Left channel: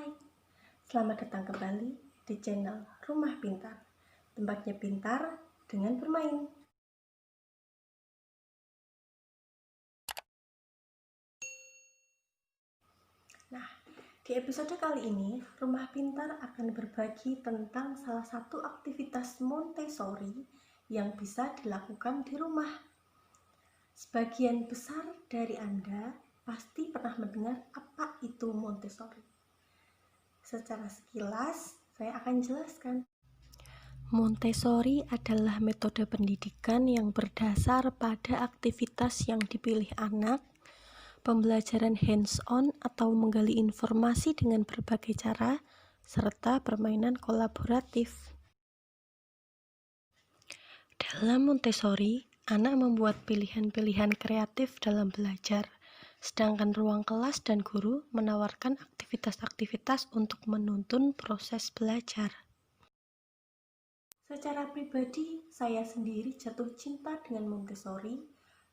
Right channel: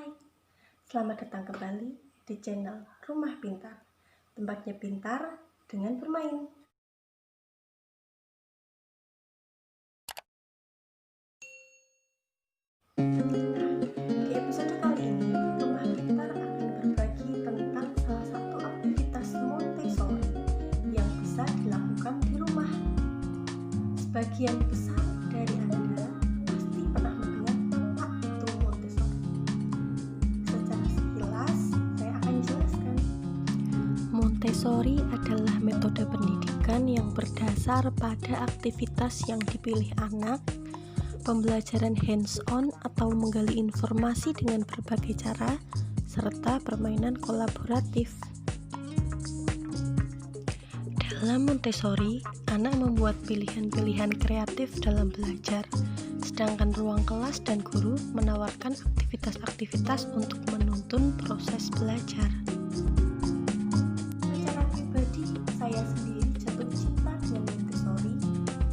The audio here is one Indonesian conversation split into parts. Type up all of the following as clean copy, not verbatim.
Hai, selamat datang kembali di channel Rumah Pintar. Tempatnya pintar dengan bermain. Nah, di episode kali ini Rumah Pintar akan berbagi tentang salah satu aktivitas Montessori yang bisa dilakukan di rumah. Sebagian besar dari Anda pasti pernah mendengar apa itu Montessori. Secara sekilas, saya akan jelaskan. Montessori adalah metode pendidikan yang berdasar pada aktivitas yang dipilih anak, pembelajaran hands-on atau menggali informasi dengan berbagai cara, serta permainan kolaboratif. Dalam Montessori, anak membuat pilihan-pilihan kreatif dalam belajar, sedangkan ruang kelas dan guru menawarkan aktivitas-aktivitas untuk menuntun proses belajar. Secara pribadi, saya sendiri jatuh cinta dengan Montessori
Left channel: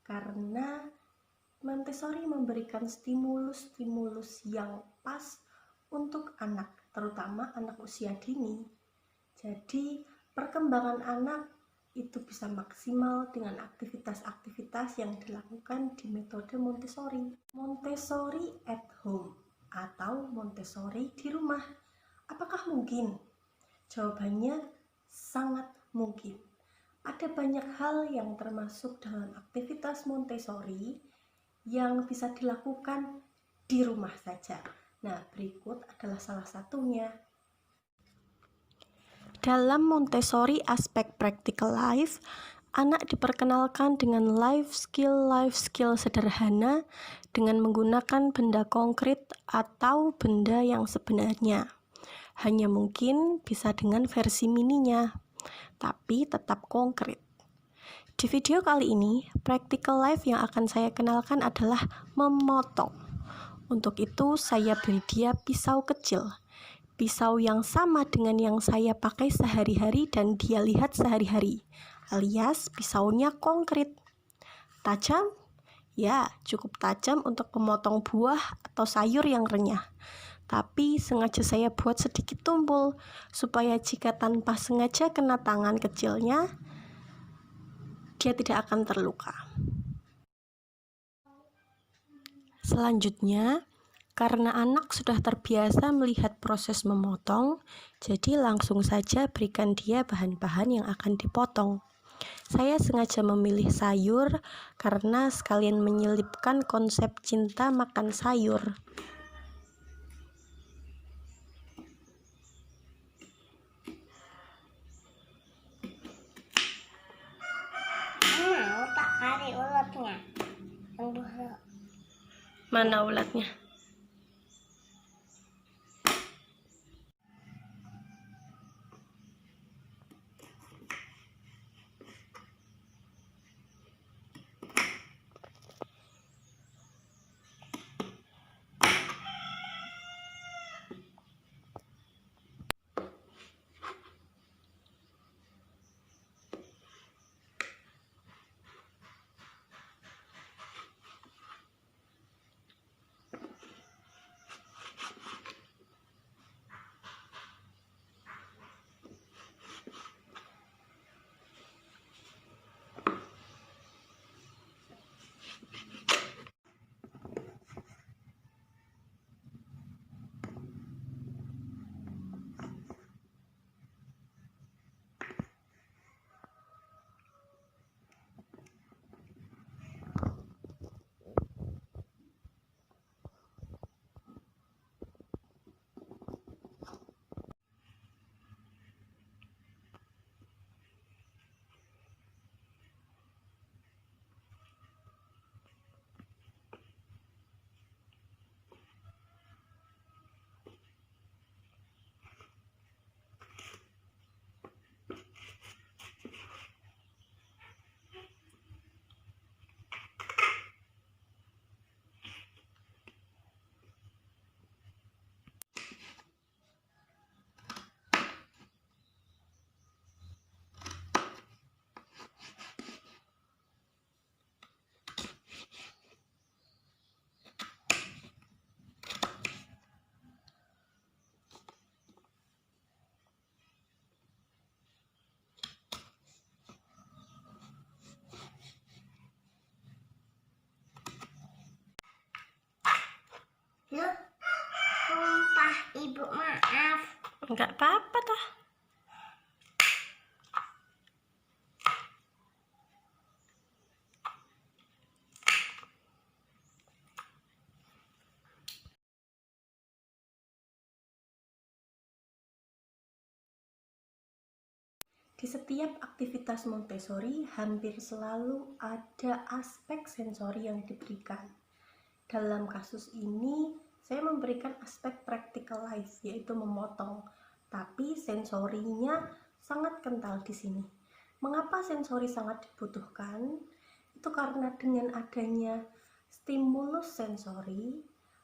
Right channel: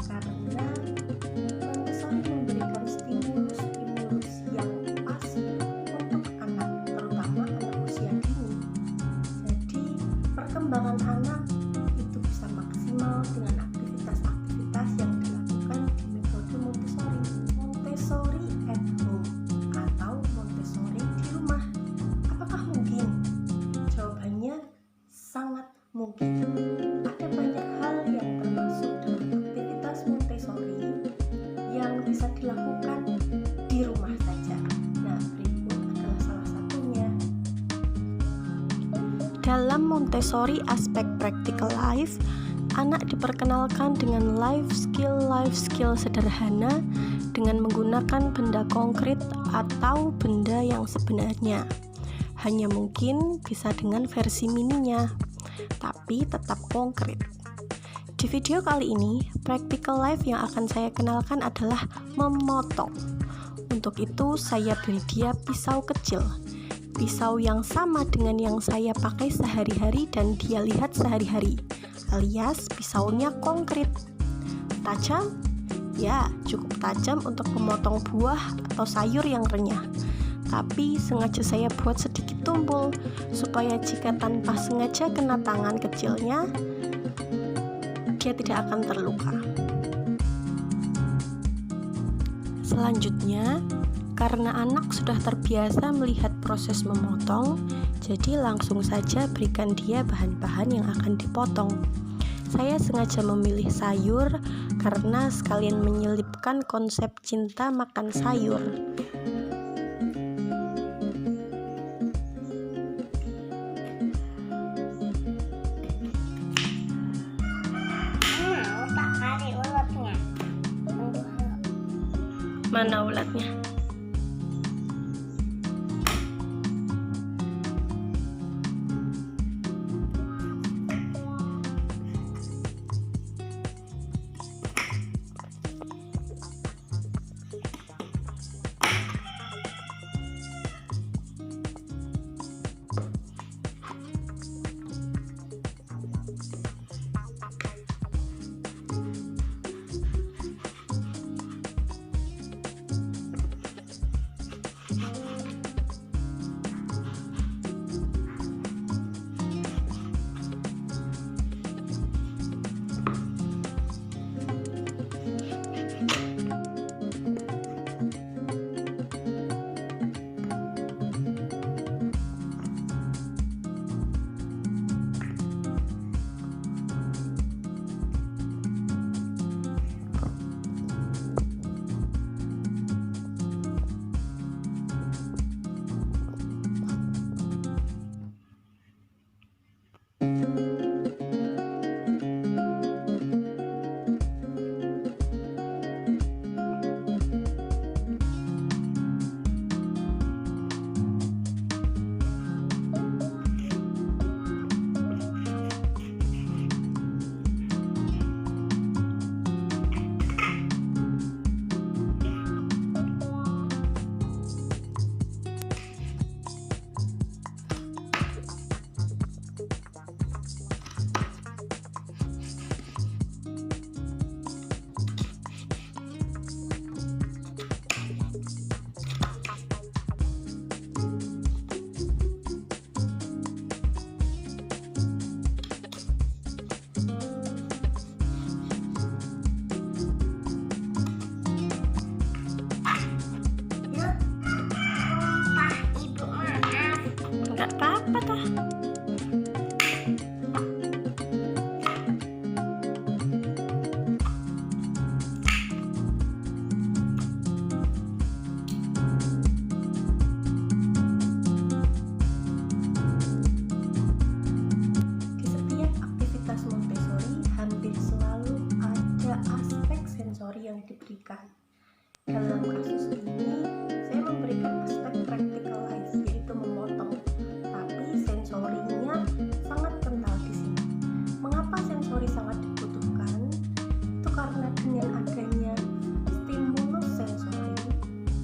karena Montessori memberikan stimulus yang pas untuk anak, terutama anak usia dini. Jadi, perkembangan anak itu bisa maksimal dengan aktivitas-aktivitas yang dilakukan di metode Montessori. Montessori at home atau Montessori di rumah. Apakah mungkin? Jawabannya sangat mungkin. Ada banyak hal yang termasuk dalam aktivitas Montessori yang bisa dilakukan di rumah saja. Nah, berikut adalah salah satunya. Dalam Montessori aspek practical life, anak diperkenalkan dengan life skill sederhana dengan menggunakan benda konkret atau benda yang sebenarnya. Hanya mungkin bisa dengan versi mininya, tapi tetap konkret. Di video kali ini, practical life yang akan saya kenalkan adalah memotong. Untuk itu, saya beri dia pisau kecil. Pisau yang sama dengan yang saya pakai sehari-hari dan dia lihat sehari-hari, alias pisaunya konkret. Tajam? Ya, cukup tajam untuk memotong buah atau sayur yang renyah. Tapi sengaja saya buat sedikit tumpul, supaya jika tanpa sengaja kena tangan kecilnya, dia tidak akan terluka. Selanjutnya, karena anak sudah terbiasa melihat proses memotong, jadi langsung saja berikan dia bahan-bahan yang akan dipotong. Saya sengaja memilih sayur karena sekalian menyelipkan konsep cinta makan sayur. Mana ulatnya? patah. Di setiap aktivitas Montessori hampir selalu ada aspek sensori yang diberikan. Dalam kasus ini, saya memberikan aspek practicalize, yaitu memotong, tapi sensorinya sangat kental di sini. Mengapa sensori sangat dibutuhkan? Itu karena dengan adanya stimulus sensori,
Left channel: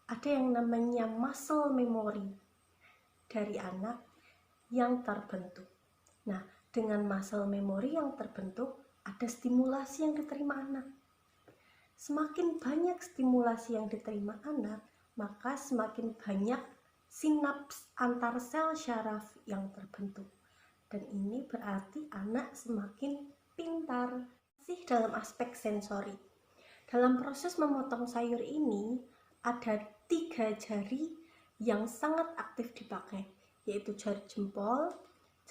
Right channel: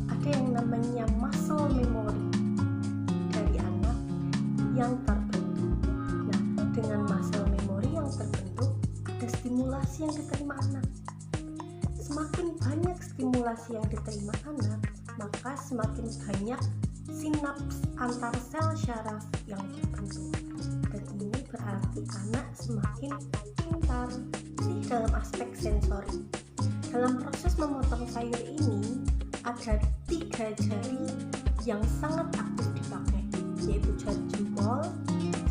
ada yang namanya muscle memory dari anak yang terbentuk. Nah, dengan muscle memory yang terbentuk, ada stimulasi yang diterima anak. Semakin banyak stimulasi yang diterima anak, maka semakin banyak sinaps antar sel syaraf yang terbentuk. Dan ini berarti anak semakin pintar sih dalam aspek sensori. Dalam proses memotong sayur ini, ada 3 jari yang sangat aktif dipakai, yaitu jari jempol,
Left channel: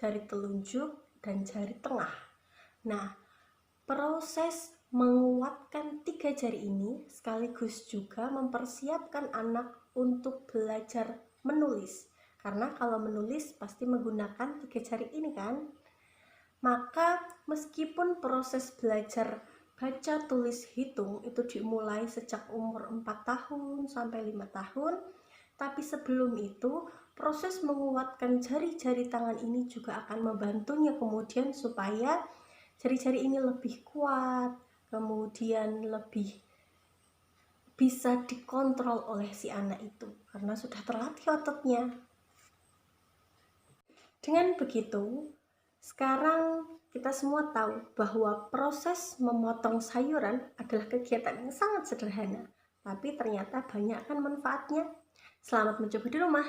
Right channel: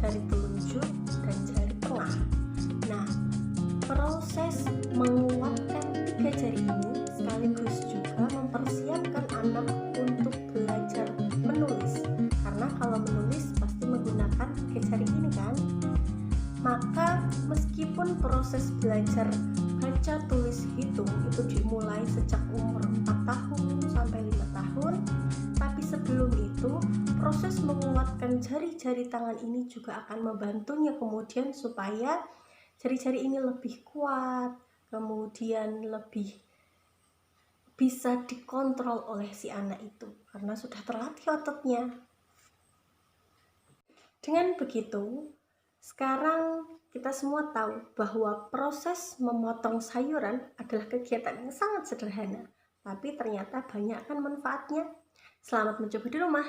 jari telunjuk, dan jari tengah. Nah, proses menguatkan 3 jari ini sekaligus juga mempersiapkan anak untuk belajar menulis, karena kalau menulis pasti menggunakan 3 jari ini kan. Maka meskipun proses belajar baca tulis hitung itu dimulai sejak umur 4 tahun sampai 5 tahun, tapi sebelum itu proses menguatkan jari-jari tangan ini juga akan membantunya kemudian supaya jari-jari ini lebih kuat, kemudian lebih bisa dikontrol oleh si anak itu karena sudah terlatih ototnya. Dengan begitu, sekarang kita semua tahu bahwa proses memotong sayuran adalah kegiatan yang sangat sederhana, tapi ternyata banyak kan manfaatnya. Selamat mencoba di rumah.